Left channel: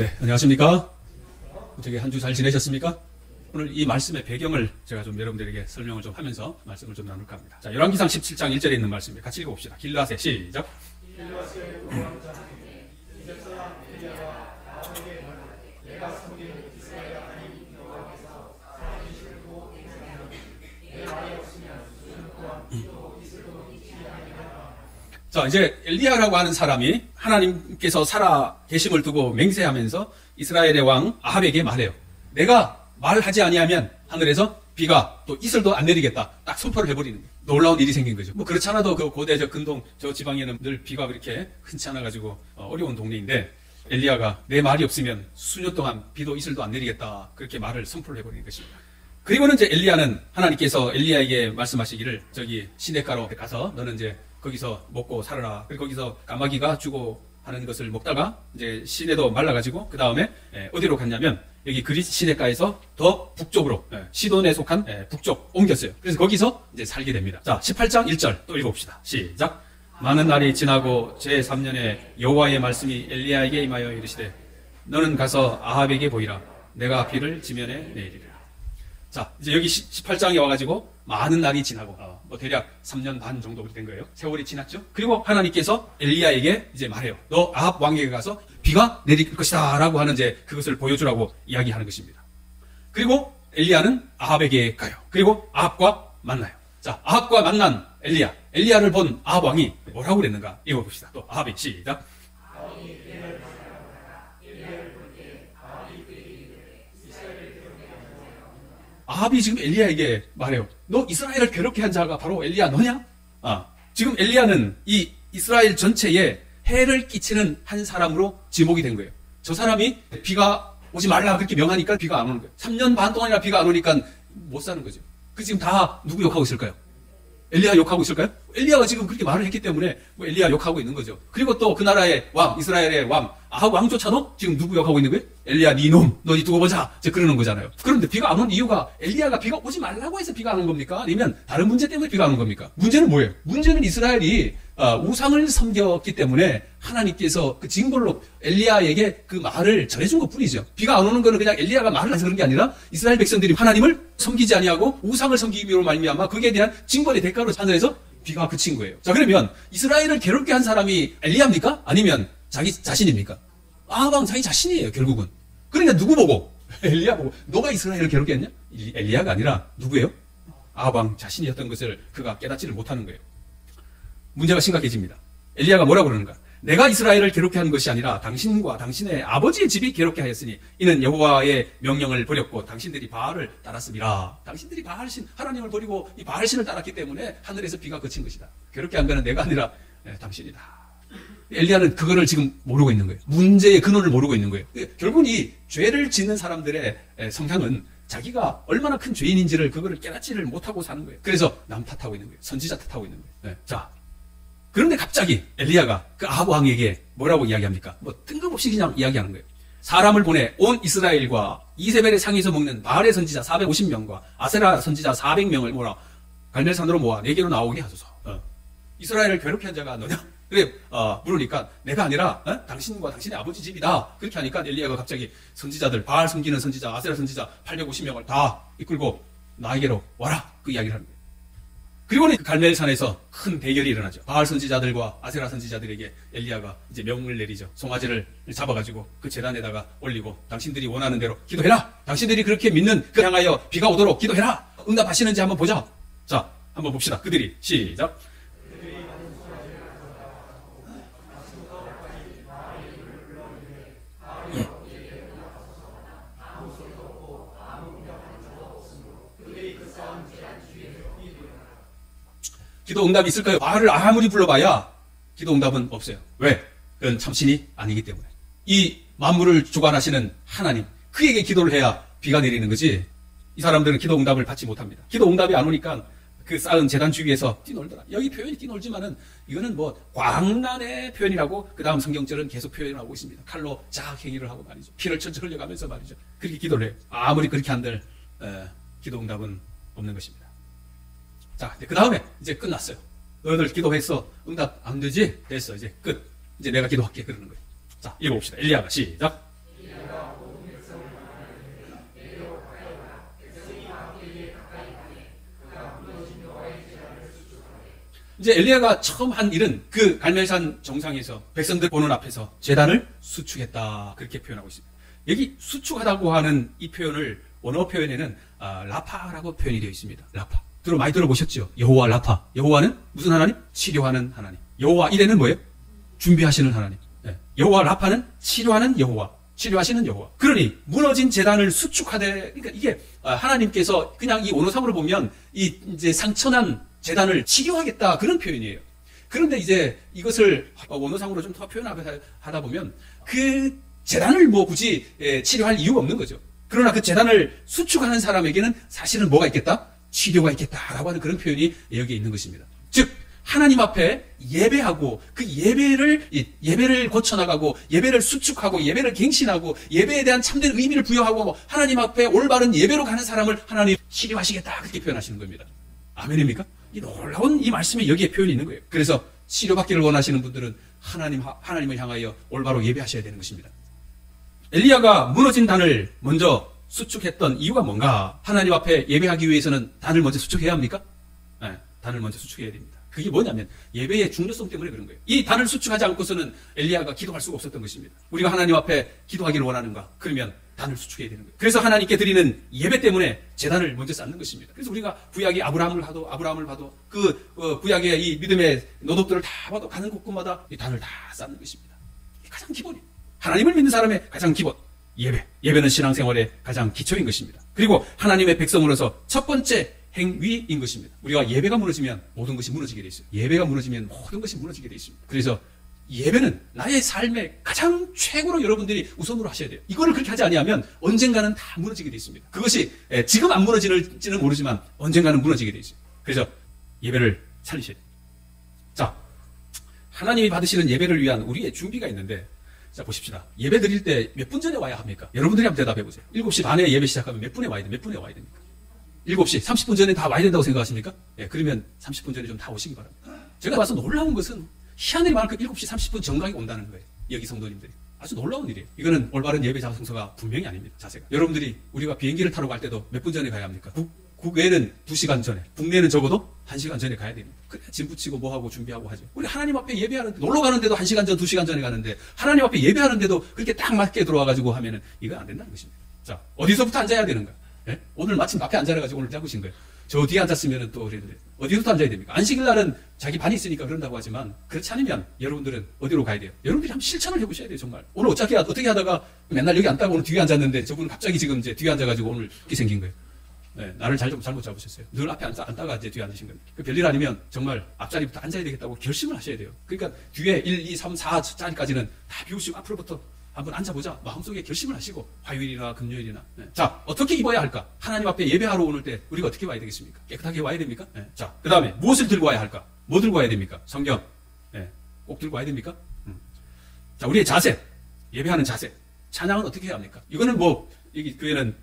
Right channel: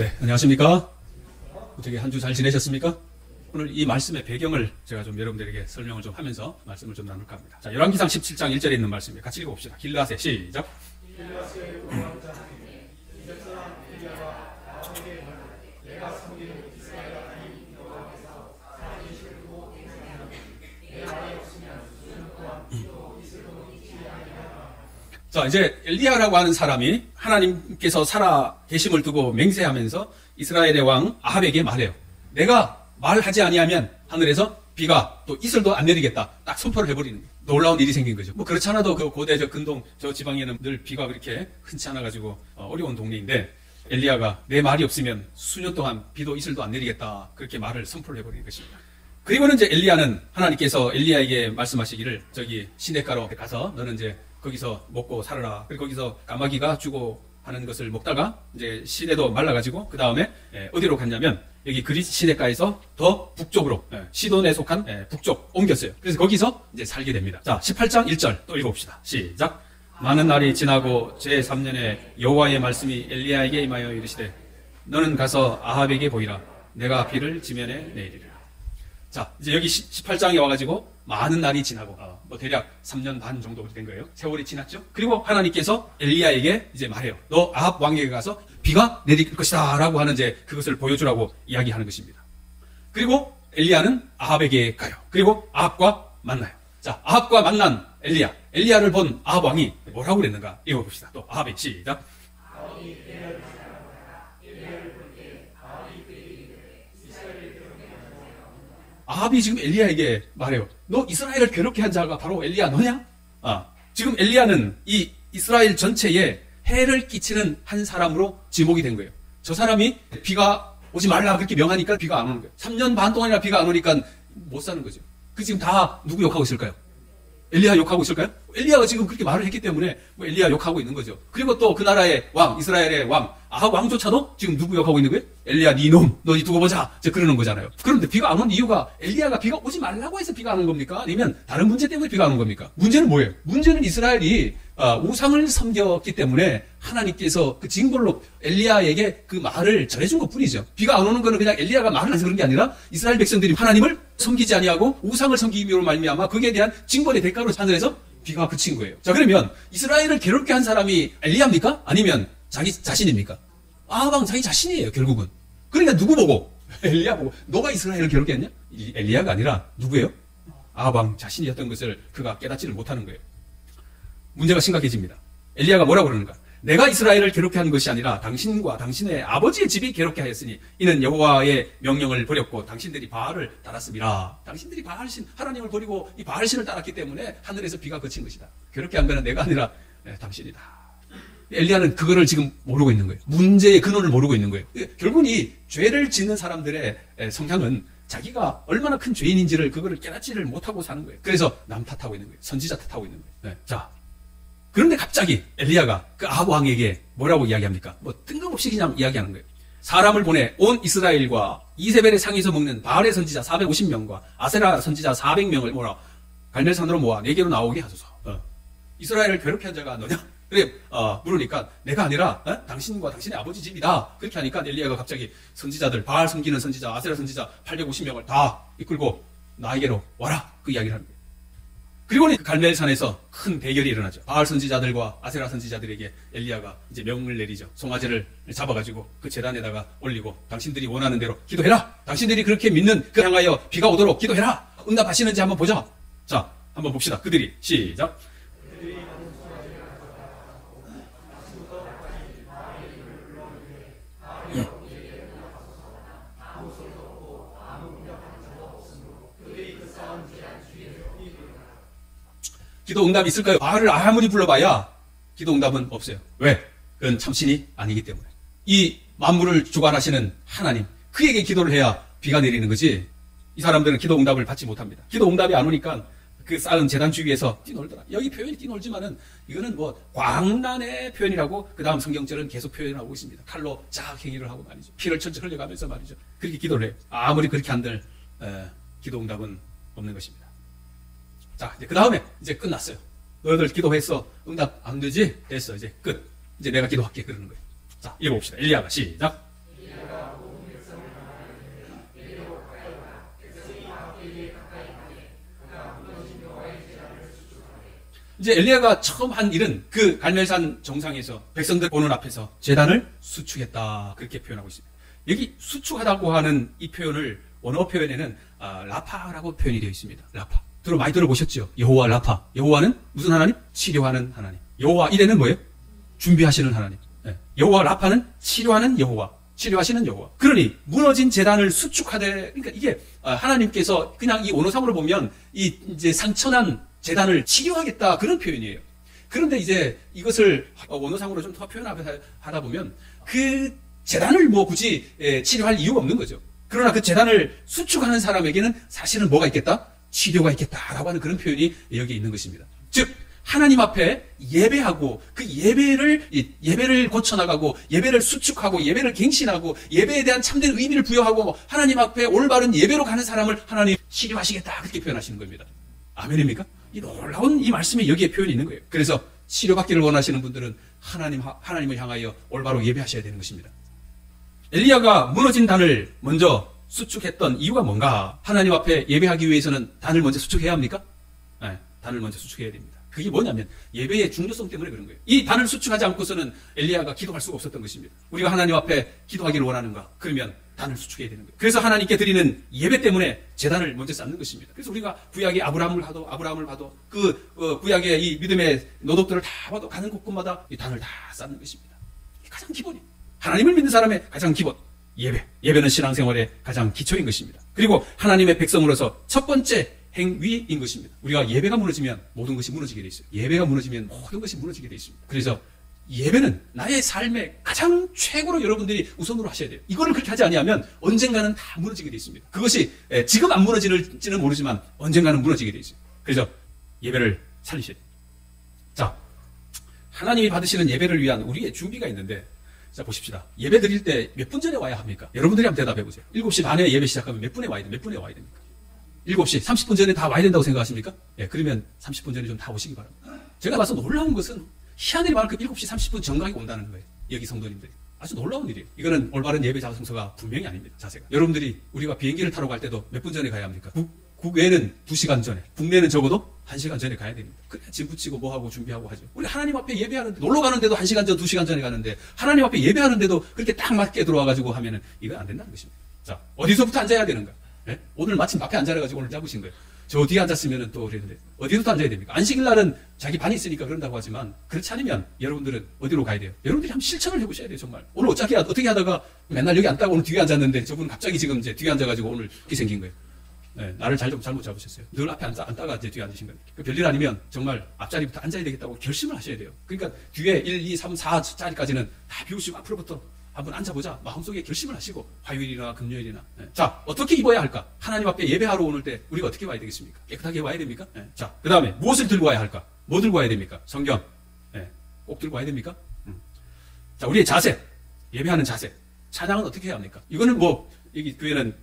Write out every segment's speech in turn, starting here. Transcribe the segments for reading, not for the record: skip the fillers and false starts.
네, 안녕하십니까? 어떻게 한 주 잘 지내셨습니까? 오늘 이 말씀의 배경을 제가 좀 여러분들에게 설명을 좀 하면서 말씀을 좀 나눌까 합니다. 자, 열왕기상 17장 1절에 있는 말씀입니다. 같이 읽어봅시다. 길르앗에 시작. 자, 이제 엘리야라고 하는 사람이 하나님께서 살아 계심을 두고 맹세하면서 이스라엘의 왕 아합에게 말해요. 내가 말하지 아니하면 하늘에서 비가 또 이슬도 안 내리겠다. 딱 선포를 해버리는 거예요. 놀라운 일이 생긴 거죠. 뭐 그렇지 않아도 그 고대 근동 저 지방에는 늘 비가 그렇게 흔치 않아가지고 어려운 동네인데 엘리야가 내 말이 없으면 수년 동안 비도 이슬도 안 내리겠다. 그렇게 말을 선포를 해버리는 것입니다. 그리고는 이제 엘리야는 하나님께서 엘리야에게 말씀하시기를 저기 시냇가로 가서 너는 이제 거기서 먹고 살아라. 그리고 거기서 까마귀가 주고 하는 것을 먹다가 이제 시내도 말라가지고 그 다음에 어디로 갔냐면 여기 그리스 시내가에서 더 북쪽으로 시돈에 속한 북쪽 옮겼어요. 그래서 거기서 이제 살게 됩니다. 자, 18장 1절 또 읽어봅시다. 시작. 많은 날이 지나고 제3년에 여호와의 말씀이 엘리야에게 임하여 이르시되 너는 가서 아합에게 보이라. 내가 비를 지면에 내리리라. 자, 이제 여기 18장에 와가지고 많은 날이 지나고 뭐 대략 3년 반 정도 된 거예요. 세월이 지났죠. 그리고 하나님께서 엘리야에게 이제 말해요. 너 아합 왕에게 가서 비가 내릴 것이다 라고 하는 이제 그것을 보여주라고 이야기하는 것입니다. 그리고 엘리야는 아합에게 가요. 그리고 아합과 만나요. 자, 아합과 만난 엘리야를 본 아합 왕이 뭐라고 그랬는가 읽어봅시다. 또 아합의 시작. 아합이 지금 엘리야에게 말해요. 너 이스라엘을 괴롭게 한 자가 바로 엘리야 너냐? 지금 엘리야는 이 이스라엘 전체에 해를 끼치는 한 사람으로 지목이 된 거예요. 저 사람이 비가 오지 말라 그렇게 명하니까 비가 안 오는 거예요. 3년 반 동안이나 비가 안 오니까 못 사는 거죠. 그 지금 다 누구 욕하고 있을까요? 엘리야 욕하고 있을까요? 엘리야가 지금 그렇게 말을 했기 때문에 뭐 엘리야 욕하고 있는 거죠. 그리고 또 그 나라의 왕, 이스라엘의 왕, 아합 왕조차도 지금 누구 욕하고 있는 거예요? 엘리야 네 놈, 너희 두고 보자. 이제 그러는 거잖아요. 그런데 비가 안 온 이유가 엘리야가 비가 오지 말라고 해서 비가 안 온 겁니까? 아니면 다른 문제 때문에 비가 안 온 겁니까? 문제는 뭐예요? 문제는 이스라엘이 우상을 섬겼기 때문에 하나님께서 그 징벌로 엘리야에게 그 말을 전해준 것 뿐이죠. 비가 안 오는 거는 그냥 엘리야가 말을 해서 그런 게 아니라 이스라엘 백성들이 하나님을 섬기지 아니하고 우상을 섬기기로 말미암아 거기에 대한 징벌의 대가로 하늘에서 비가 그친 거예요. 자, 그러면 이스라엘을 괴롭게 한 사람이 엘리야입니까? 아니면 자기 자신입니까? 아합 자기 자신이에요, 결국은. 그러니까 누구 보고? 엘리야 보고. 너가 이스라엘을 괴롭게 했냐? 엘리야가 아니라 누구예요? 아합 자신이었던 것을 그가 깨닫지를 못하는 거예요. 문제가 심각해집니다. 엘리야가 뭐라고 그러는가? 내가 이스라엘을 괴롭게 한 것이 아니라 당신과 당신의 아버지의 집이 괴롭게 하였으니 이는 여호와의 명령을 버렸고 당신들이 바알을 따랐습니다. 당신들이 바알신 하나님을 버리고 이 바알신을 따랐기 때문에 하늘에서 비가 그친 것이다. 괴롭게 한 거는 내가 아니라 당신이다. 엘리야는 그거를 지금 모르고 있는 거예요. 문제의 근원을 모르고 있는 거예요. 결국은 이 죄를 짓는 사람들의 성향은 자기가 얼마나 큰 죄인인지를 그거를 깨닫지를 못하고 사는 거예요. 그래서 남 탓하고 있는 거예요. 선지자 탓하고 있는 거예요. 자, 그런데 갑자기 엘리야가 그 아합 왕에게 뭐라고 이야기합니까? 뭐 뜬금없이 그냥 이야기하는 거예요. 사람을 보내 온 이스라엘과 이세벨의 상에서 먹는 바알의 선지자 450명과 아세라 선지자 400명을 모아 갈멜산으로 모아 내게로 나오게 하소서. 이스라엘을 괴롭게 한 자가 너냐? 그래 물으니까 내가 아니라 당신과 당신의 아버지 집이다. 그렇게 하니까 엘리야가 갑자기 선지자들 바알 섬기는 선지자 아세라 선지자 850명을 다 이끌고 나에게로 와라. 그 이야기를 하는 거예요. 그리고는 그 갈멜산에서 큰 대결이 일어나죠. 바알 선지자들과 아세라 선지자들에게 엘리야가 이제 명을 내리죠. 송아지를 잡아가지고 그 제단에다가 올리고 당신들이 원하는 대로 기도해라. 당신들이 그렇게 믿는 그 향하여 비가 오도록 기도해라. 응답하시는지 한번 보자. 자, 한번 봅시다. 그들이 시작. 기도 응답이 있을까요? 바알을 아무리 불러봐야 기도 응답은 없어요. 왜? 그건 참신이 아니기 때문에. 이 만물을 주관하시는 하나님, 그에게 기도를 해야 비가 내리는 거지. 이 사람들은 기도 응답을 받지 못합니다. 기도 응답이 안 오니까 그 쌓은 제단 주위에서 뛰놀더라. 여기 표현이 뛰놀지만은 이거는 뭐 광란의 표현이라고 그 다음 성경절은 계속 표현하고 있습니다. 칼로 작 행위를 하고 말이죠. 피를 철철 흘려가면서 말이죠. 그렇게 기도를 해요. 아무리 그렇게 한들 기도 응답은 없는 것입니다. 자, 그 다음에 이제 끝났어요. 너희들 기도했어. 응답 안 되지? 됐어. 이제 끝. 이제 내가 기도할게. 그러는 거예요. 자, 읽어봅시다. 엘리야가 시작. 이제 엘리야가 처음 한 일은 그 갈멜산 정상에서 백성들 보는 앞에서 제단을 수축했다. 그렇게 표현하고 있습니다. 여기 수축하다고 하는 이 표현을 원어 표현에는 라파라고 표현이 되어 있습니다. 라파. 많이 들어보셨죠? 여호와 라파. 여호와는 무슨 하나님? 치료하는 하나님. 여호와 이래는 뭐예요? 준비하시는 하나님. 네. 여호와 라파는 치료하는 여호와. 치료하시는 여호와. 그러니 무너진 제단을 수축하되, 그러니까 이게 하나님께서 그냥 이 원어상으로 보면 이 이제 상처난 제단을 치료하겠다 그런 표현이에요. 그런데 이제 이것을 원어상으로 좀 더 표현하다 보면 그 제단을 뭐 굳이 치료할 이유가 없는 거죠. 그러나 그 제단을 수축하는 사람에게는 사실은 뭐가 있겠다? 치료가 있겠다라고 하는 그런 표현이 여기에 있는 것입니다. 즉 하나님 앞에 예배하고 그 예배를 고쳐나가고 예배를 수축하고 예배를 갱신하고 예배에 대한 참된 의미를 부여하고 하나님 앞에 올바른 예배로 가는 사람을 하나님 치료하시겠다 그렇게 표현하시는 겁니다. 아멘입니까? 이 놀라운 이 말씀이 여기에 표현이 있는 거예요. 그래서 치료받기를 원하시는 분들은 하나님을 향하여 올바로 예배하셔야 되는 것입니다. 엘리야가 무너진 단을 먼저 수축했던 이유가 뭔가? 하나님 앞에 예배하기 위해서는 단을 먼저 수축해야 합니까? 네, 단을 먼저 수축해야 됩니다. 그게 뭐냐면 예배의 중요성 때문에 그런 거예요. 이 단을 수축하지 않고서는 엘리야가 기도할 수가 없었던 것입니다. 우리가 하나님 앞에 기도하기를 원하는가? 그러면 단을 수축해야 되는 거예요. 그래서 하나님께 드리는 예배 때문에 제단을 먼저 쌓는 것입니다. 그래서 우리가 구약의 아브라함을 봐도 그 구약의 이 믿음의 노덕들을 다 봐도 가는 곳곳마다 이 단을 다 쌓는 것입니다. 이게 가장 기본이에요. 하나님을 믿는 사람의 가장 기본 예배. 예배는 신앙생활의 가장 기초인 것입니다. 그리고 하나님의 백성으로서 첫 번째 행위인 것입니다. 우리가 예배가 무너지면 모든 것이 무너지게 돼 있어요. 예배가 무너지면 모든 것이 무너지게 돼 있습니다. 그래서 예배는 나의 삶의 가장 최고로 여러분들이 우선으로 하셔야 돼요. 이거를 그렇게 하지 아니하면 언젠가는 다 무너지게 돼 있습니다. 그것이 지금 안 무너질지는 모르지만 언젠가는 무너지게 돼 있어요. 그래서 예배를 살리셔야 돼요. 자, 하나님이 받으시는 예배를 위한 우리의 준비가 있는데, 자 보십시다. 예배 드릴 때 몇 분 전에 와야 합니까? 여러분들이 한번 대답해 보세요. 7시 반에 예배 시작하면 몇 분에 와야 됩니까? 7시 30분 전에 다 와야 된다고 생각하십니까? 예, 그러면 30분 전에 좀 다 오시기 바랍니다. 제가 봐서 놀라운 것은 희한히 많은 그 7시 30분 정각이 온다는 거예요. 여기 성도님들이. 아주 놀라운 일이에요. 이거는 올바른 예배 자성서가 분명히 아닙니다. 자세가. 여러분들이 우리가 비행기를 타러 갈 때도 몇 분 전에 가야 합니까? 국외는 2시간 전에, 국내는 적어도 1시간 전에 가야 됩니다. 그래 짐 붙이고 뭐하고 준비하고 하죠. 우리 하나님 앞에 예배하는데, 놀러 가는데도 1시간 전, 2시간 전에 가는데 하나님 앞에 예배하는데도 그렇게 딱 맞게 들어와가지고 하면은 이건 안 된다는 것입니다. 자, 어디서부터 앉아야 되는가? 예? 오늘 마침 앞에 앉아가지고 오늘 잡으신 거예요. 저 뒤에 앉았으면 또 그랬는데 어디서부터 앉아야 됩니까? 안식일 날은 자기 반이 있으니까 그런다고 하지만 그렇지 않으면 여러분들은 어디로 가야 돼요? 여러분들이 한번 실천을 해보셔야 돼요. 정말 오늘 어떻게 하다가 맨날 여기 앉다가 오늘 뒤에 앉았는데 저분은 갑자기 지금 이제 뒤에 앉아가지고 오늘 이렇게 생긴 거예요. 네, 나를 잘못 잡으셨어요. 늘 앞에 앉다가 이제 뒤에 앉으신 겁니다. 별일 아니면 정말 앞자리부터 앉아야 되겠다고 결심을 하셔야 돼요. 그러니까 뒤에 1, 2, 3, 4자리까지는 다 비우시고 앞으로부터 한번 앉아보자. 마음속에 결심을 하시고 화요일이나 금요일이나. 네. 자, 어떻게 입어야 할까? 하나님 앞에 예배하러 오늘 때 우리가 어떻게 와야 되겠습니까? 깨끗하게 와야 됩니까? 네. 자, 그 다음에 무엇을 들고 와야 할까? 뭐 들고 와야 됩니까? 성경. 네. 꼭 들고 와야 됩니까? 자, 우리의 자세. 예배하는 자세. 찬양은 어떻게 해야 합니까? 이거는 뭐 여기 교회는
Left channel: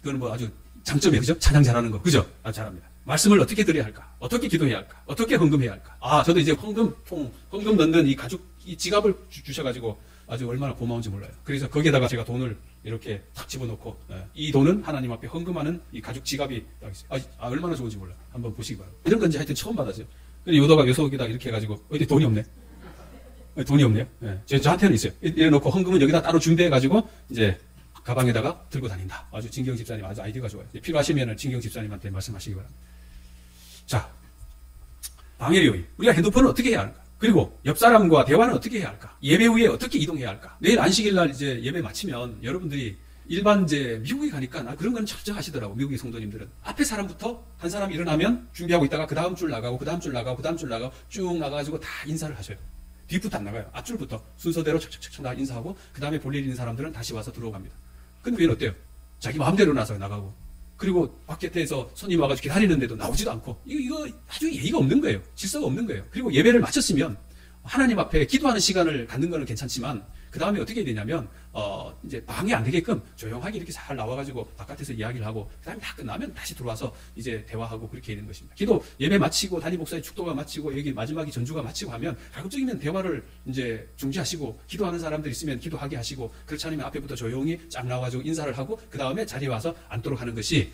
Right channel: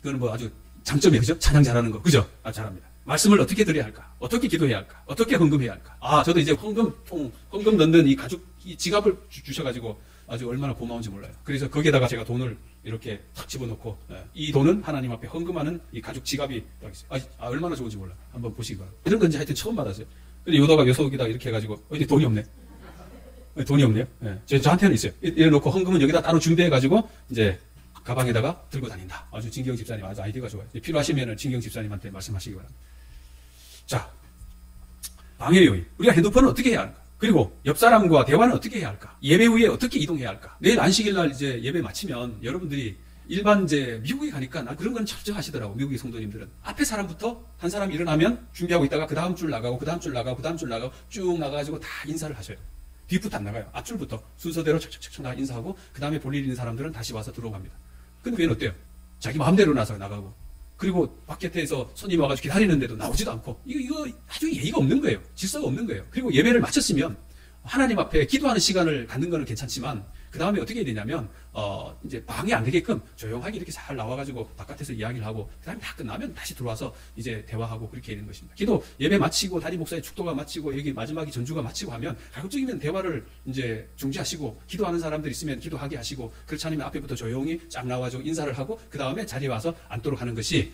이거는 뭐 아주 장점이에요. 그죠? 찬양 잘하는 거. 그죠? 아, 잘합니다. 말씀을 어떻게 드려야 할까? 어떻게 기도해야 할까? 어떻게 헌금해야 할까? 아, 저도 이제 헌금 넣는 이 지갑을 주셔가지고 아주 얼마나 고마운지 몰라요. 그래서 거기에다가 제가 돈을 이렇게 탁 집어넣고, 이 돈은 하나님 앞에 헌금하는 이 가죽 지갑이 딱 있어요. 얼마나 좋은지 몰라요. 한번 보시기 바랍니다. 이런 건지 하여튼 처음 받았어요. 근데 요속에다 이렇게 해가지고, 어디 돈이 없네. 돈이 없네요. 네. 저한테는 있어요. 이래놓고 헌금은 여기다 따로 준비해가지고, 이제 가방에다가 들고 다닌다. 아주 진경 집사님 아주 아이디어가 좋아요. 필요하시면 진경 집사님한테 말씀하시기 바랍니다. 자, 방해 요인. 우리가 핸드폰을 어떻게 해야 할까? 그리고 옆 사람과 대화는 어떻게 해야 할까? 예배 후에 어떻게 이동해야 할까? 내일 안식일 날 이제 예배 마치면 여러분들이 일반 이제 미국에 가니까 그런 건 철저하시더라고. 미국의 성도님들은 앞에 사람부터 한 사람이 일어나면 준비하고 있다가 그 다음 줄 나가고 그 다음 줄 나가고 그 다음 줄 나가고 쭉 나가가지고 다 인사를 하셔요. 뒷부터 안 나가요. 앞줄부터 순서대로 척척척 다 인사하고 그 다음에 볼일 있는 사람들은 다시 와서 들어갑니다. 근데 얘는 어때요? 자기 마음대로 나서 나가고 그리고 바깥에서 손님 와가지고 기다리는데도 나오지도 않고 이거 아주 예의가 없는 거예요. 질서가 없는 거예요. 그리고 예배를 마쳤으면 하나님 앞에 기도하는 시간을 갖는 거는 괜찮지만 그 다음에 어떻게 해야 되냐면 이제 방해 안 되게끔 조용하게 이렇게 잘 나와가지고 바깥에서 이야기를 하고 그 다음에 다 끝나면 다시 들어와서 이제 대화하고 그렇게 되는 것입니다. 기도 예배 마치고 담임 목사의 축도가 마치고 여기 마지막에 전주가 마치고 하면 가급적이면 대화를 이제 중지하시고 기도하는 사람들 있으면 기도하게 하시고 그렇지 않으면 앞에부터 조용히 쫙 나와가지고 인사를 하고 그 다음에 자리에 와서 앉도록 하는 것이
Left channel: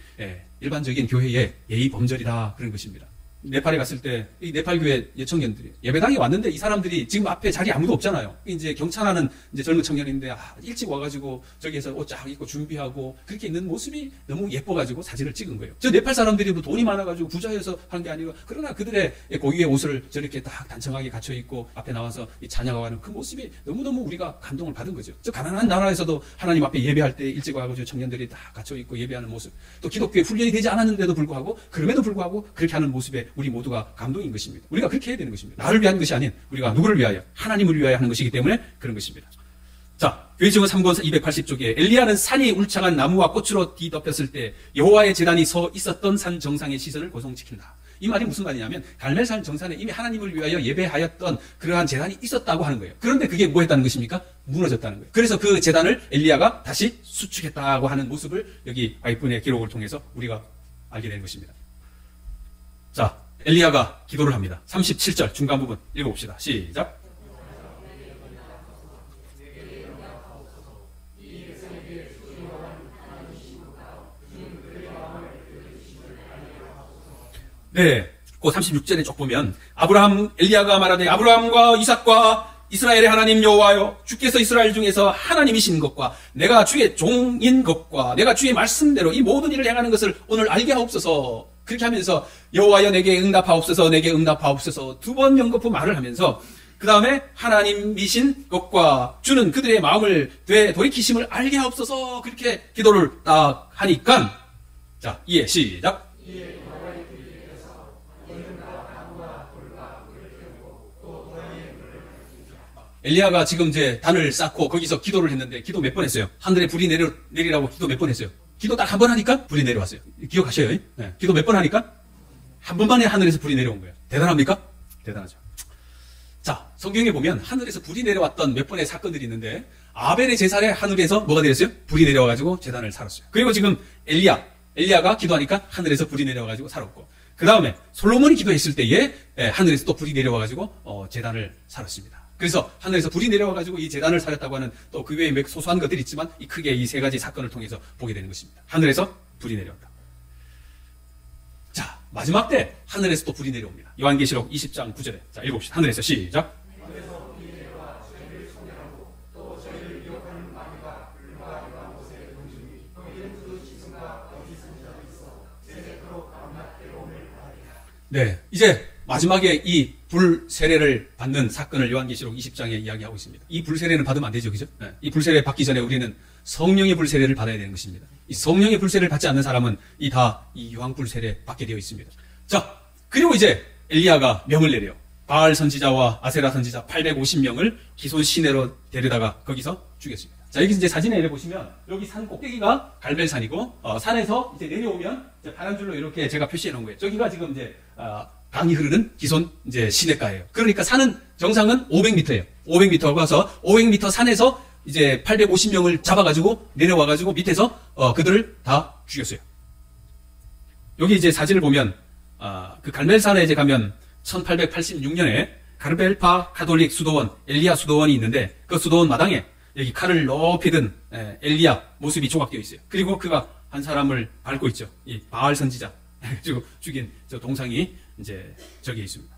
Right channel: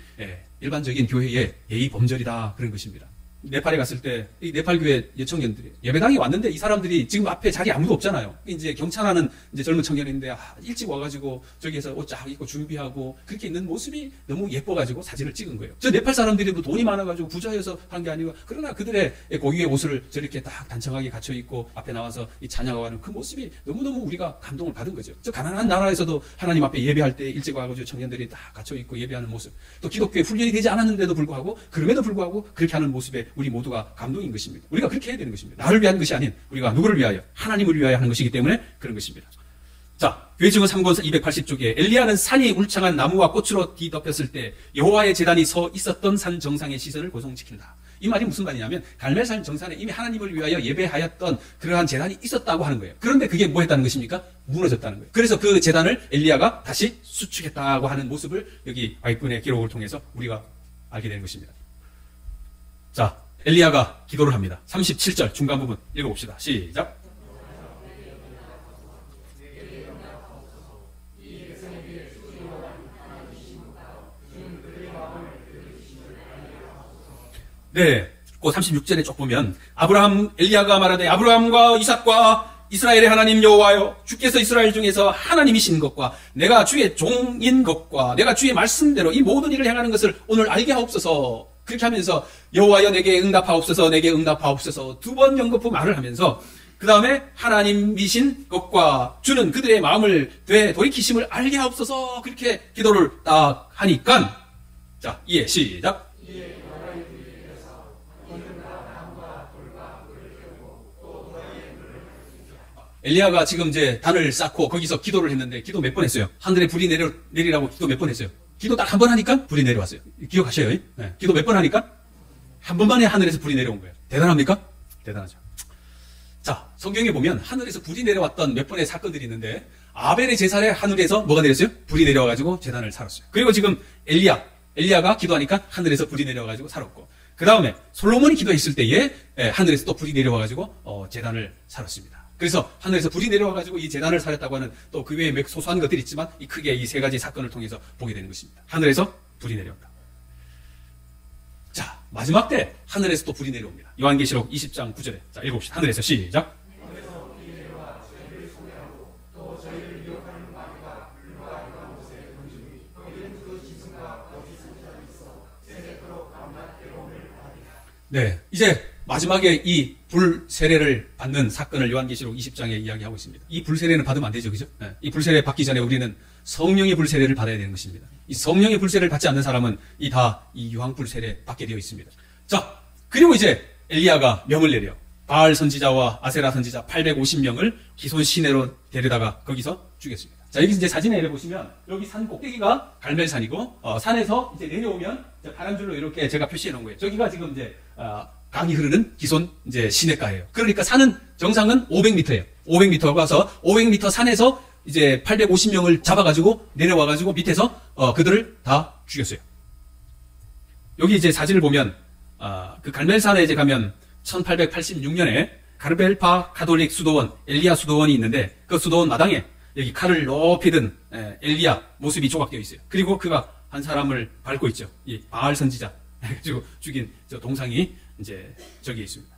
일반적인 교회의 예의 범절이다 그런 것입니다. 네팔에 갔을 때 이 네팔 교회 예청년들이 예배당에 왔는데 이 사람들이 지금 앞에 자리 아무도 없잖아요. 이제 경찰하는 이제 젊은 청년인데 일찍 와가지고 저기에서 옷 쫙 입고 준비하고 그렇게 있는 모습이 너무 예뻐가지고 사진을 찍은 거예요. 저 네팔 사람들이 뭐 돈이 많아가지고 부자여서 한 게 아니고 그러나 그들의 고유의 옷을 저렇게 딱 단청하게 갖춰 입고 앞에 나와서 이 찬양하는 그 모습이 너무너무 우리가 감동을 받은 거죠. 저 가난한 나라에서도 하나님 앞에 예배할 때 일찍 와가지고 청년들이 다 갖춰 입고 예배하는 모습, 또 기독교에 훈련이 되지 않았는데도 불구하고 그럼에도 불구하고 그렇게 하는 모습에 우리 모두가 감동인 것입니다. 우리가 그렇게 해야 되는 것입니다. 나를 위한 것이 아닌 우리가 누구를 위하여? 하나님을 위하여 하는 것이기 때문에 그런 것입니다. 자, 교회증언 3권 280쪽에 엘리야는 산이 울창한 나무와 꽃으로 뒤덮였을 때 여호와의 제단이 서 있었던 산 정상의 시선을 고정시킨다. 이 말이 무슨 말이냐면 갈멜산 정상에 이미 하나님을 위하여 예배하였던 그러한 제단이 있었다고 하는 거예요. 그런데 그게 뭐 했다는 것입니까? 무너졌다는 거예요. 그래서 그 제단을 엘리야가 다시 수축했다고 하는 모습을 여기 바이분의 기록을 통해서 우리가 알게 되는 것입니다. 자, 엘리야가 기도를 합니다. 37절 중간 부분 읽어봅시다. 시작. 네, 그 36절에 쭉 보면 엘리야가 말하되 아브라함과 이삭과 이스라엘의 하나님 여호와여, 주께서 이스라엘 중에서 하나님이신 것과 내가 주의 종인 것과 내가 주의 말씀대로 이 모든 일을 행하는 것을 오늘 알게 하옵소서. 그렇게 하면서 여호와여 내게 응답하옵소서, 내게 응답하옵소서 두 번 연거푸 말을 하면서 그 다음에 하나님이신 것과 주는 그들의 마음을 돌이키심을 알게 하옵소서, 그렇게 기도를 딱 하니까, 자, 이해 시작. 엘리야가 지금 이제 단을 쌓고 거기서 기도를 했는데 기도 몇 번 했어요? 하늘에 불이 내리라고 기도 몇 번 했어요? 기도 딱 한 번 하니까 불이 내려왔어요. 기억하셔요? 네. 기도 몇 번 하니까 한 번만에 하늘에서 불이 내려온 거예요. 대단합니까? 대단하죠. 자, 성경에 보면 하늘에서 불이 내려왔던 몇 번의 사건들이 있는데 아벨의 제사에 하늘에서 뭐가 내렸어요? 불이 내려와가지고 제단을 살았어요. 그리고 지금 엘리야가 기도하니까 하늘에서 불이 내려와가지고 살았고, 그 다음에 솔로몬이 기도했을 때에 하늘에서 또 불이 내려와가지고 제단을 살았습니다. 그래서 하늘에서 불이 내려와가지고 이 제단을 살렸다고 하는 또 그 외에 몇 소소한 것들이 있지만 이 크게 이 세 가지 사건을 통해서 보게 되는 것입니다. 하늘에서 불이 내려온다. 자, 마지막 때 하늘에서 또 불이 내려옵니다. 요한계시록 20장 9절에 자, 읽어봅시다. 하늘에서 시작. 네, 이제 마지막에 이 불 세례를 받는 사건을 요한계시록 20장에 이야기하고 있습니다. 이 불 세례는 받으면 안 되죠, 그죠? 네. 이 불 세례 받기 전에 우리는 성령의 불 세례를 받아야 되는 것입니다. 이 성령의 불 세례를 받지 않는 사람은 이 유황 불 세례 받게 되어 있습니다. 자, 그리고 이제 엘리야가 명을 내려 바알 선지자와 아세라 선지자 850명을 기손 시내로 데려다가 거기서 죽였습니다. 자, 여기 이제 사진에 이렇게 보시면 여기 산 꼭대기가 갈멜산이고 산에서 이제 내려오면 이제 파란 줄로 이렇게 제가 표시해 놓은 거예요. 저기가 지금 이제 강이 흐르는 기손 이제 시내가예요. 그러니까 산은 정상은 500m예요. 500m 가서 500m 산에서 이제 850명을 잡아가지고 내려와가지고 밑에서 그들을 다 죽였어요. 여기 이제 사진을 보면 그 갈멜산에 이제 가면 1886년에 가르벨파 가톨릭 수도원 엘리야 수도원이 있는데 그 수도원 마당에 여기 칼을 높이 든 엘리야 모습이 조각되어 있어요. 그리고 그가 한 사람을 밟고 있죠. 이 바알 선지자 그리고 죽인 저 동상이 이제 저기에 있습니다.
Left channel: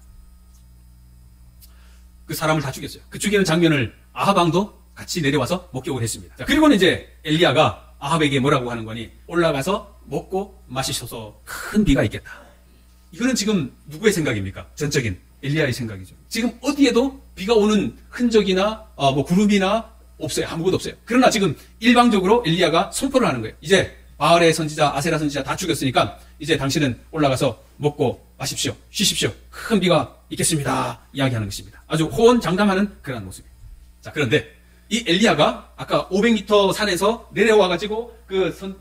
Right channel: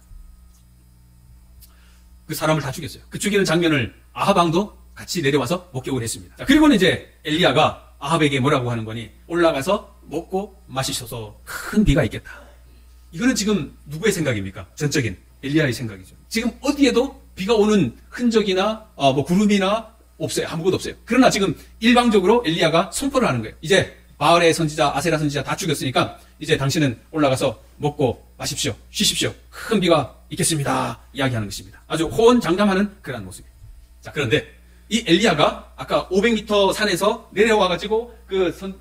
그 사람을 다 죽였어요. 그 죽이는 장면을 아합 왕도 같이 내려와서 목격을 했습니다. 자, 그리고는 이제 엘리야가 아합에게 뭐라고 하는 거니? 올라가서 먹고 마시셔서 큰 비가 있겠다. 이거는 지금 누구의 생각입니까? 전적인 엘리야의 생각이죠. 지금 어디에도 비가 오는 흔적이나 뭐 구름이나 없어요. 아무것도 없어요. 그러나 지금 일방적으로 엘리야가 선포를 하는 거예요. 이제 바알의 선지자, 아세라 선지자 다 죽였으니까 이제 당신은 올라가서 먹고 마십시오. 쉬십시오. 큰 비가 있겠습니다. 이야기하는 것입니다. 아주 호언장담하는 그런 모습이에요. 자, 그런데 이 엘리야가 아까 500m 산에서 내려와가지고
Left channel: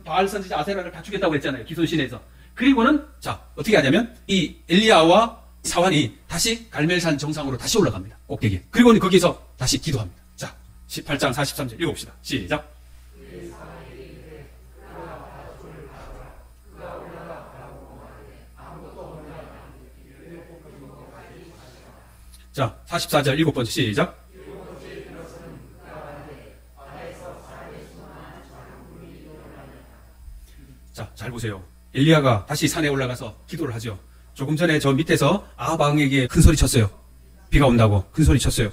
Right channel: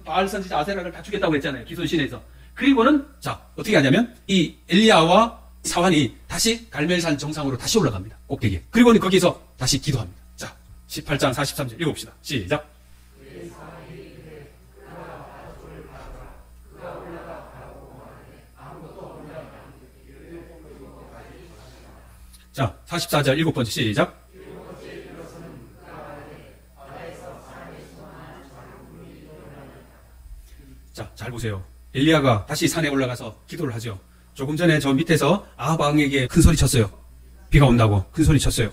바알 선지자 아세라를 다 죽였다고 했잖아요. 기손 시내에서. 그리고는 자, 어떻게 하냐면 이 엘리야와 사환이 다시 갈멜산 정상으로 다시 올라갑니다. 꼭대기에. 그리고는 거기서 다시 기도합니다. 자, 18장 43절 읽어봅시다. 시작. 자, 44절 7번째 시작. 자, 잘 보세요. 엘리야가 다시 산에 올라가서 기도를 하죠. 조금 전에 저 밑에서 아합 왕에게 큰 소리 쳤어요. 비가 온다고 큰 소리 쳤어요.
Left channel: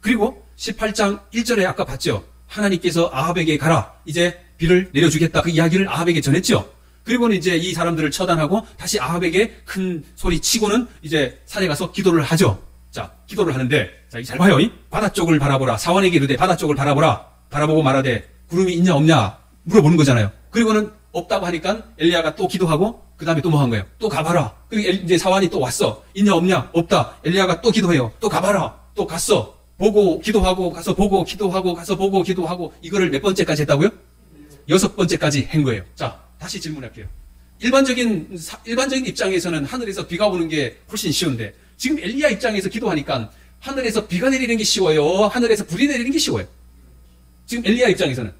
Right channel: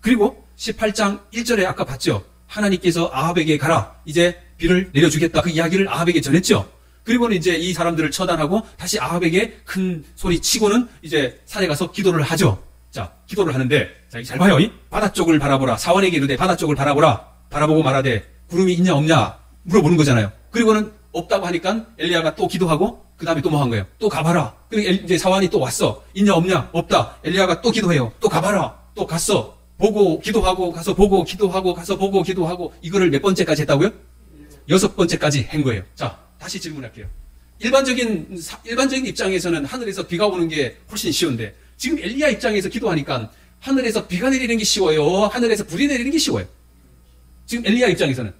그리고 18장 1절에 아까 봤죠. 하나님께서 아합에게 가라. 이제 비를 내려주겠다. 그 이야기를 아합에게 전했죠. 그리고는 이제 이 사람들을 처단하고 다시 아합에게 큰 소리 치고는 이제 산에 가서 기도를 하죠. 자, 기도를 하는데, 자, 잘 봐요. 바다 쪽을 바라보라. 사원에게 이르되 바다 쪽을 바라보라. 바라보고 말하되 구름이 있냐 없냐 물어보는 거잖아요. 그리고는 없다고 하니까 엘리야가 또 기도하고 그 다음에 또 뭐 한 거예요? 또 가봐라. 그리고 이제 사원이 또 왔어. 있냐 없냐? 없다. 엘리야가 또 기도해요. 또 가봐라. 또 갔어. 보고 기도하고 가서 보고 기도하고 가서 보고 기도하고 이거를 몇 번째까지 했다고요? 6번째까지 한 거예요. 자, 다시 질문할게요. 일반적인 입장에서는 하늘에서 비가 오는 게 훨씬 쉬운데 지금 엘리야 입장에서 기도하니까 하늘에서 비가 내리는 게 쉬워요? 하늘에서 불이 내리는 게 쉬워요? 지금 엘리야 입장에서는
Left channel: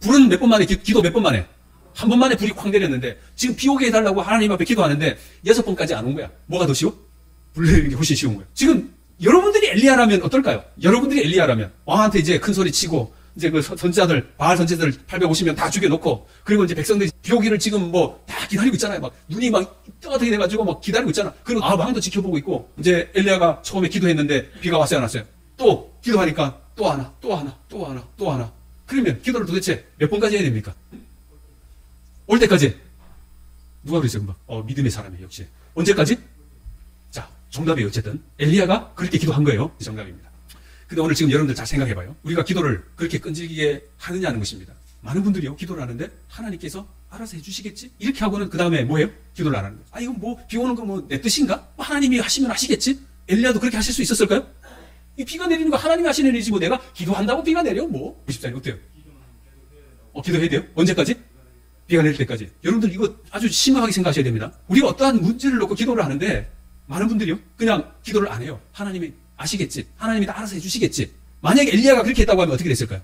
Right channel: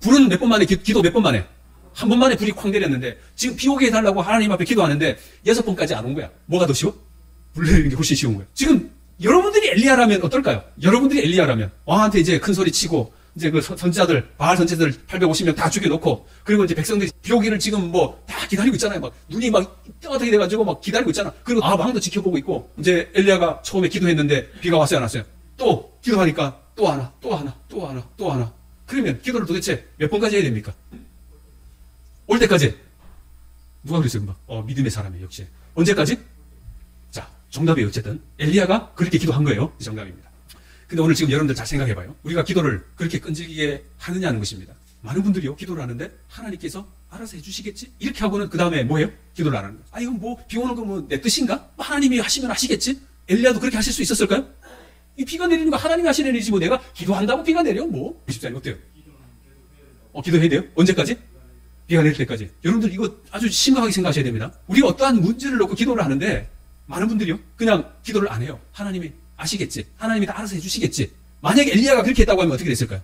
불은 몇 번 만에 기도 몇 번 만에 한 번 만에 불이 쾅 내렸는데 지금 비 오게 해달라고 하나님 앞에 기도하는데 6번까지 안 온 거야. 뭐가 더 쉬워? 불 내리는 게 훨씬 쉬운 거예요. 지금 여러분들이 엘리야라면 어떨까요? 여러분들이 엘리야라면 왕한테 이제 큰 소리 치고 이제 그 선지자들 바알 선지자들 850명 다 죽여놓고 그리고 이제 백성들이 비 오기를 지금 뭐 다 기다리고 있잖아요. 막 눈이 막 뜨겁게 돼가지고 막 기다리고 있잖아. 그리고 왕도 지켜보고 있고 이제 엘리야가 처음에 기도했는데 비가 왔어요 안 왔어요? 또 기도하니까 또 하나 또 하나 또 하나 또 하나. 그러면 기도를 도대체 몇 번까지 해야 됩니까? 올 때까지. 누가 그랬어요? 금방? 믿음의 사람이에요. 역시. 언제까지? 자, 정답이 어쨌든 엘리야가 그렇게 기도한 거예요. 정답입니다. 근데 오늘 지금 여러분들 잘 생각해봐요. 우리가 기도를 그렇게 끈질기게 하느냐는 것입니다. 많은 분들이요 기도를 하는데 하나님께서 알아서 해주시겠지? 이렇게 하고는 그 다음에 뭐예요? 기도를 안 하는 거예요. 아 이건 뭐 비 오는 거 뭐 내 뜻인가? 하나님이 하시면 하시겠지? 엘리야도 그렇게 하실 수 있었을까요? 이 비가 내리는 거 하나님이 하시는 일이지 뭐 내가 기도한다고 비가 내려? 뭐? 20장이 어때요? 기도해야 돼요? 언제까지? 비가 내릴 때까지. 여러분들 이거 아주 심각하게 생각하셔야 됩니다. 우리가 어떠한 문제를 놓고 기도를 하는데 많은 분들이요 그냥 기도를 안 해요. 하나님이 아시겠지. 하나님이 다 알아서 해주시겠지. 만약에 엘리야가 그렇게 했다고 하면 어떻게 됐을까요?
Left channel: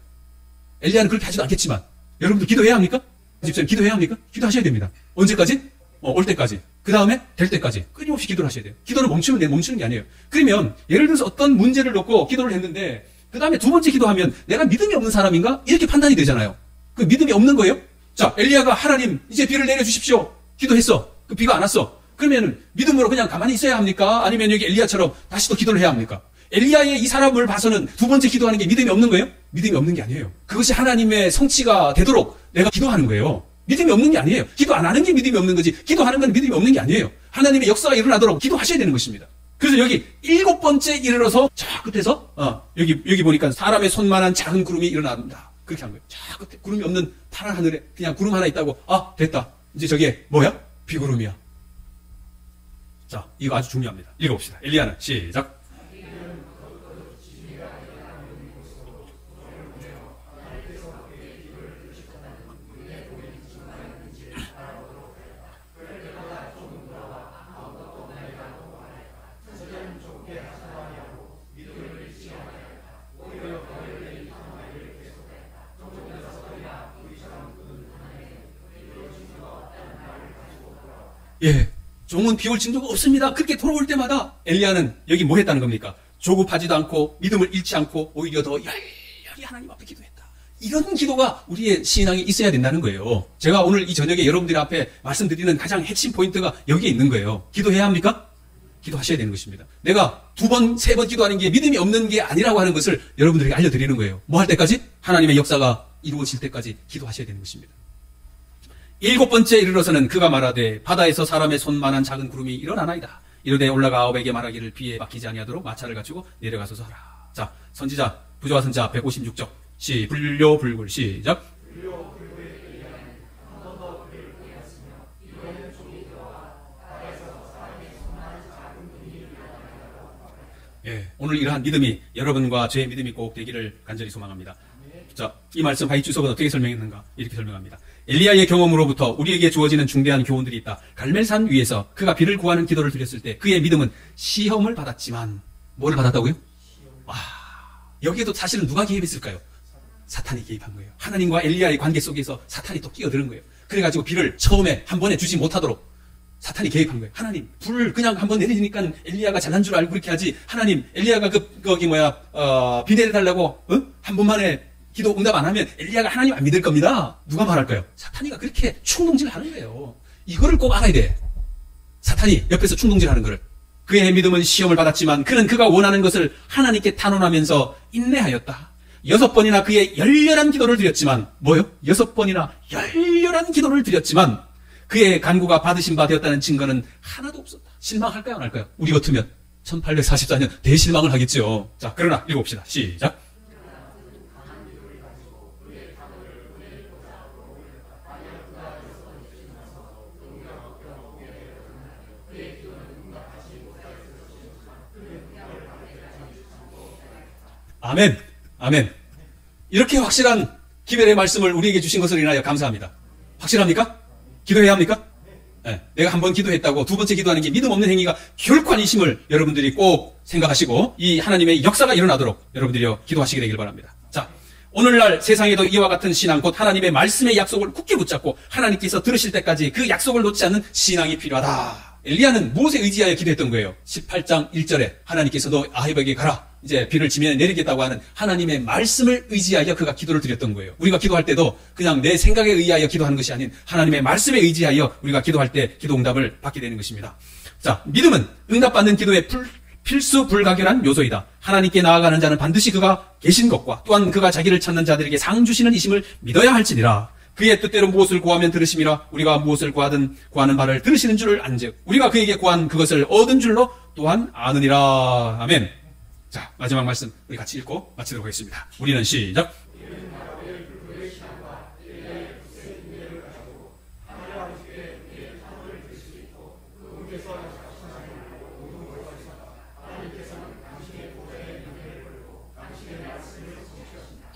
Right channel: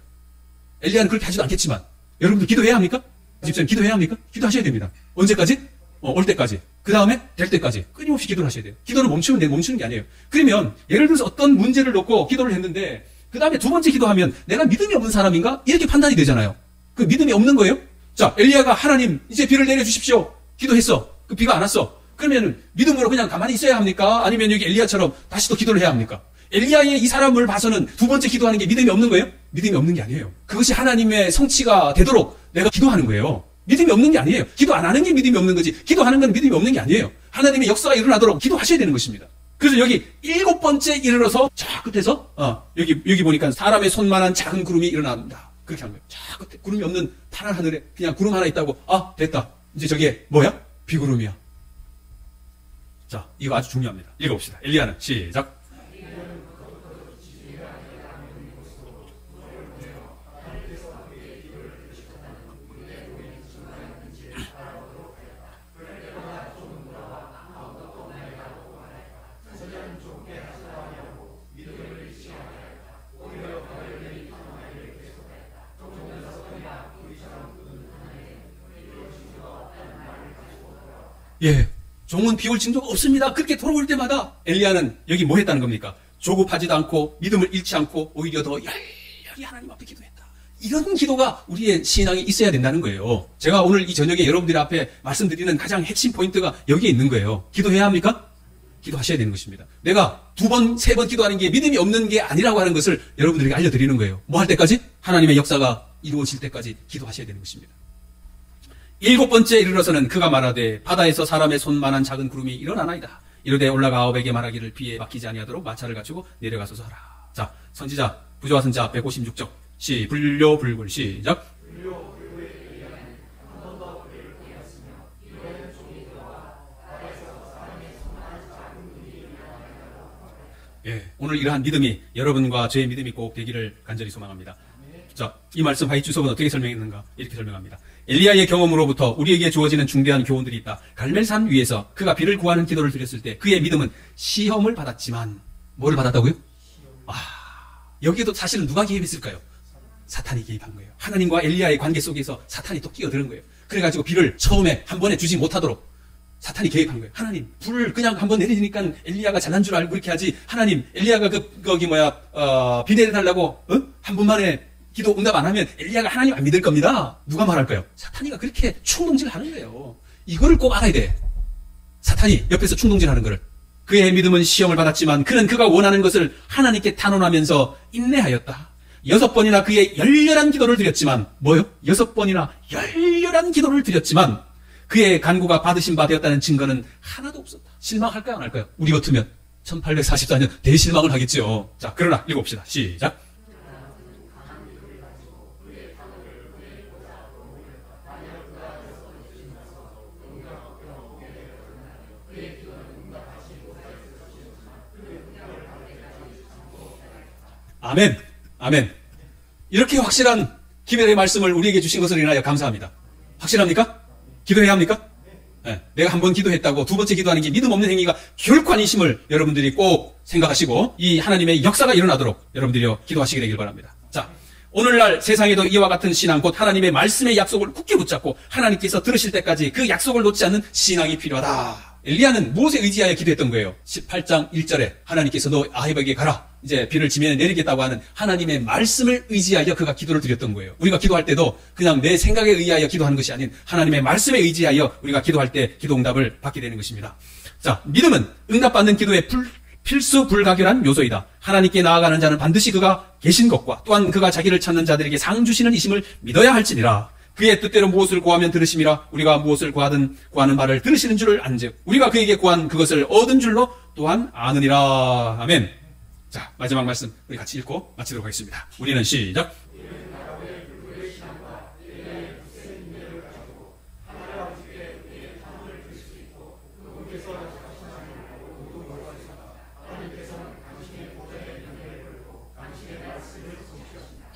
엘리야는 그렇게 하지도 않겠지만 여러분들 기도해야 합니까? 집사님 기도해야 합니까? 기도하셔야 됩니다. 언제까지? 올 때까지. 그 다음에 될 때까지 끊임없이 기도를 하셔야 돼요. 기도를 멈추는 게 아니에요. 그러면 예를 들어서 어떤 문제를 놓고 기도를 했는데 그 다음에 두 번째 기도하면 내가 믿음이 없는 사람인가? 이렇게 판단이 되잖아요. 그 믿음이 없는 거예요? 자, 엘리야가 하나님 이제 비를 내려주십시오. 기도했어. 그 비가 안 왔어. 그러면 믿음으로 그냥 가만히 있어야 합니까? 아니면 여기 엘리야처럼 다시 또 기도를 해야 합니까? 엘리야의 이 사람을 봐서는 두 번째 기도하는 게 믿음이 없는 거예요? 믿음이 없는 게 아니에요. 그것이 하나님의 성취가 되도록 내가 기도하는 거예요. 믿음이 없는 게 아니에요. 기도 안 하는 게 믿음이 없는 거지. 기도하는 건 믿음이 없는 게 아니에요. 하나님의 역사가 일어나도록 기도하셔야 되는 것입니다. 그래서 여기 7번째 이르러서 저 끝에서 여기 보니까 사람의 손만한 작은 구름이 일어납니다. 그렇게 한 거예요. 저 끝에 구름이 없는 파란 하늘에 그냥 구름 하나 있다고 됐다. 이제 저게 뭐야? 비구름이야. 자, 이거 아주 중요합니다. 읽어봅시다. 엘리야는 시작. 예, 종은 비올 징조가 없습니다. 그렇게 돌아올 때마다 엘리야는 여기 뭐 했다는 겁니까? 조급하지도 않고 믿음을 잃지 않고 오히려 더 열렬히 하나님 앞에 기도했다. 이런 기도가 우리의 신앙에 있어야 된다는 거예요. 제가 오늘 이 저녁에 여러분들 앞에 말씀드리는 가장 핵심 포인트가 여기에 있는 거예요. 기도해야 합니까? 기도하셔야 되는 것입니다. 내가 2번, 3번 기도하는 게 믿음이 없는 게 아니라고 하는 것을 여러분들에게 알려드리는 거예요. 뭐 할 때까지? 하나님의 역사가 이루어질 때까지 기도하셔야 되는 것입니다. 7번째 이르러서는 그가 말하되 바다에서 사람의 손만한 작은 구름이 일어나나이다. 이르되 올라가 아합에게 말하기를 비에 막히지 아니하도록 마차를 갖추고 내려가소서 하라. 자, 선지자 부조와 선자 156쪽 불효불굴 시작. 예, 오늘 이러한 믿음이 여러분과 저의 믿음이 꼭 되기를 간절히 소망합니다. 자, 이 말씀 하이 주석은 어떻게 설명했는가? 이렇게 설명합니다. 엘리야의 경험으로부터 우리에게 주어지는 중대한 교훈들이 있다. 갈멜산 위에서 그가 비를 구하는 기도를 드렸을 때 그의 믿음은 시험을 받았지만 뭐를 받았다고요? 여기에도 사실은 누가 개입했을까요? 사탄이 개입한 거예요. 하나님과 엘리야의 관계 속에서 사탄이 또 끼어드는 거예요. 그래가지고 비를 처음에 한 번에 주지 못하도록 사탄이 개입한 거예요. 하나님, 불 그냥 한 번 내리니까 엘리야가 잘난 줄 알고 그렇게 하지. 하나님, 엘리야가 비 내려달라고 한 번만에 기도 응답 안 하면 엘리야가 하나님 안 믿을 겁니다. 누가 말할까요? 사탄이가 그렇게 충동질을 하는 거예요. 이거를 꼭 알아야 돼. 사탄이 옆에서 충동질하는 것을. 그의 믿음은 시험을 받았지만 그는 그가 원하는 것을 하나님께 탄원하면서 인내하였다. 6번이나 그의 열렬한 기도를 드렸지만 뭐요? 6번이나 열렬한 기도를 드렸지만 그의 간구가 받으신 바 되었다는 증거는 하나도 없었다. 실망할까요? 안 할까요? 우리 같으면 1844년 대실망을 하겠죠. 자, 그러나 읽어봅시다. 시작. 아멘. 아멘. 이렇게 확실한 기별의 말씀을 우리에게 주신 것을 인하여 감사합니다. 확실합니까? 기도해야 합니까? 네, 내가 한 번 기도했다고 두 번째 기도하는 게 믿음 없는 행위가 결코 아니심을 여러분들이 꼭 생각하시고 이 하나님의 역사가 일어나도록 여러분들이 기도하시게 되길 바랍니다. 자, 오늘날 세상에도 이와 같은 신앙, 곧 하나님의 말씀의 약속을 굳게 붙잡고 하나님께서 들으실 때까지 그 약속을 놓지 않는 신앙이 필요하다. 엘리야는 무엇에 의지하여 기도했던 거예요? 18장 1절에 하나님께서 너 아합에게 가라. 이제 비를 지면에 내리겠다고 하는 하나님의 말씀을 의지하여 그가 기도를 드렸던 거예요. 우리가 기도할 때도 그냥 내 생각에 의하여 기도하는 것이 아닌 하나님의 말씀에 의지하여 우리가 기도할 때 기도 응답을 받게 되는 것입니다. 자, 믿음은 응답받는 기도의 필수 불가결한 요소이다. 하나님께 나아가는 자는 반드시 그가 계신 것과 또한 그가 자기를 찾는 자들에게 상 주시는 이심을 믿어야 할지니라. 그의 뜻대로 무엇을 구하면 들으심이라. 우리가 무엇을 구하든 구하는 바를 들으시는 줄을 안즉 우리가 그에게 구한 그것을 얻은 줄로 또한 아느니라. 아멘. 자, 마지막 말씀 우리 같이 읽고 마치도록 하겠습니다. 우리는 시작.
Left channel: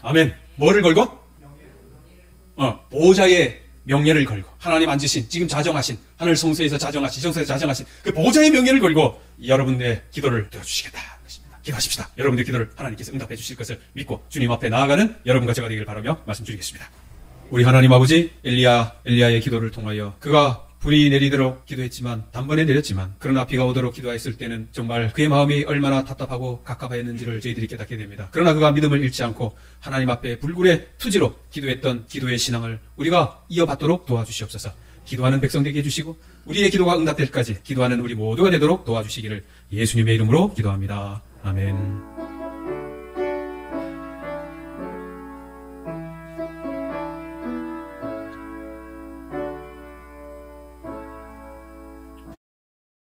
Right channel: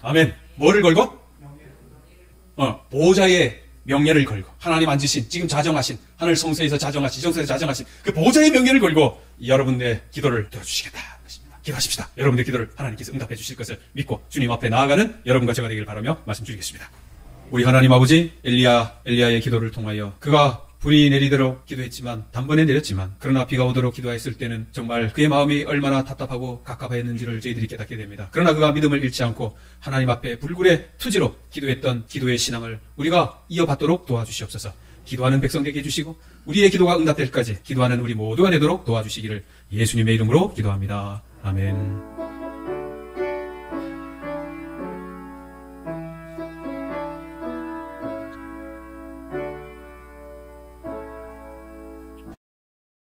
아멘. 뭐를 걸고? 보호자의 명예를 걸고 하나님 앉으신 지금 자정하신 하늘 성소에서 자정하신 지성소에서 자정하신 그 보호자의 명예를 걸고 여러분의 기도를 들어주시겠다. 기도하십시다. 여러분의 기도를 하나님께서 응답해 주실 것을 믿고 주님 앞에 나아가는 여러분과 제가 되길 바라며 말씀드리겠습니다. 우리 하나님 아버지, 엘리야의 기도를 통하여 그가 불이 내리도록 기도했지만 단번에 내렸지만 그러나 비가 오도록 기도했을 때는 정말 그의 마음이 얼마나 답답하고 갑갑했는지를 저희들이 깨닫게 됩니다. 그러나 그가 믿음을 잃지 않고 하나님 앞에 불굴의 투지로 기도했던 기도의 신앙을 우리가 이어받도록 도와주시옵소서. 기도하는 백성 되게 해주시고 우리의 기도가 응답될 때까지 기도하는 우리 모두가 되도록 도와주시기를 예수님의 이름으로 기도합니다. 아멘.